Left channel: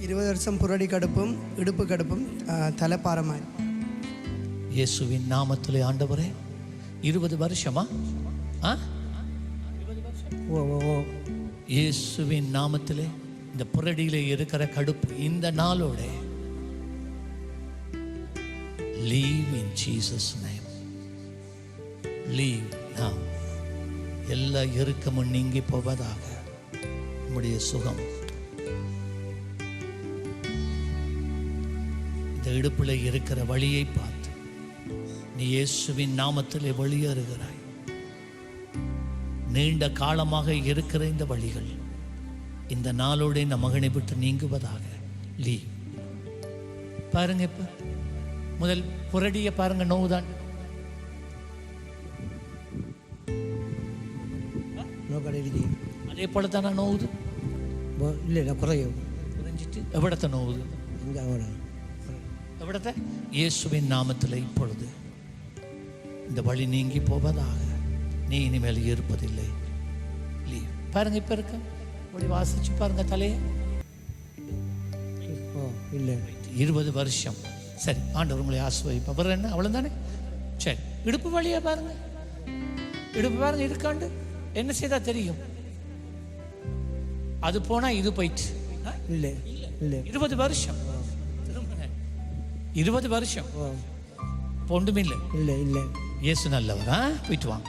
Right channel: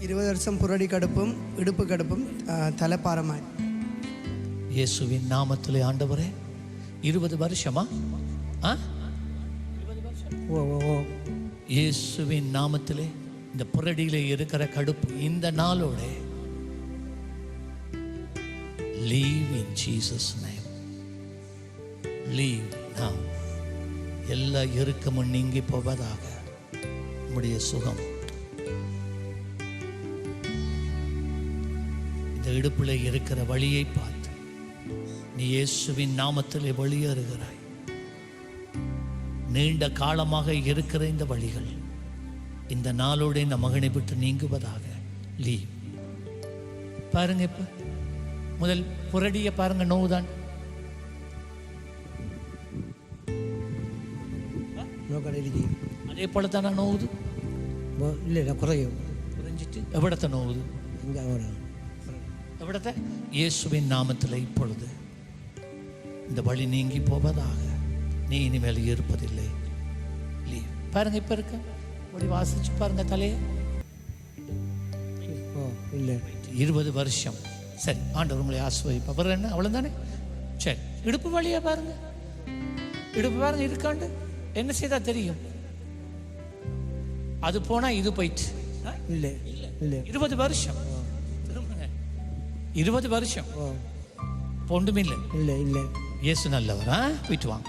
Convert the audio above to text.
20 வருஷம் புரடி கடுப்பும் இடுப்பு கடுப்பும் தலைப்பாரமாய். இயேசுவின் நாமத்திலே ஆண்டவரே 20 வருஷமா? 20 வருஷம். ஓ இயேசுவின் நாமத்திலே இந்த புரடியிலே இருக்கிற கடுப்பு இந்த நாளோட leave in Jesus name. Leave now. எல்லா இறுக்கமும் நீங்கி போவதாக. உம்முடைய சுகம் இந்த இடுப்பில் இருக்கிற வழியை பார்த்து நீ இயேசுவின் நாமத்திலே வெளியேறுகிறாய். நீண்ட காலமாக இருக்கிற இந்த வழிகள் இந்த நாளோட இந்த மகனை விட்டு நீங்குவதாக. லீவ். பாருங்க, இப்ப முதல் புரடியை பாருங்க. நோவுதான் அதே போல தானே நோவுது. இல்லை குறையும் குறைஞ்சிட்டு எவ்வளத்தை நோவுது? எவ்வளத்தை? இயேசுவின் நாமத்தில் இப்பொழுது இந்த வழி நீங்கி போவதாக. நீ இனிமேல் இருப்பதில்லை. லீவ். பாருங்க, இப்ப இருக்க ஒளி வாசிச்சு பாருங்க தலையை. இல்லை 20 வருஷம். சரி, ஆண்டவர் உங்களை ஆசிர்வதிப்பார். என்ன அவ்வளோதானே? சரி, இடுப்பு வழியா பாருங்க. இடுப்பு பாருங்க இருக்காண்டு. என்ன செய்தா தெரியும்? அது போனா இது போயிட்டு. இல்லை இல்லை 20 வருஷம். திரும்ப 20 வருஷம் ஒன்றுமில்லை. இல்லை இல்லை இயேசு நல்லவரா? போயிட்டு வாங்க.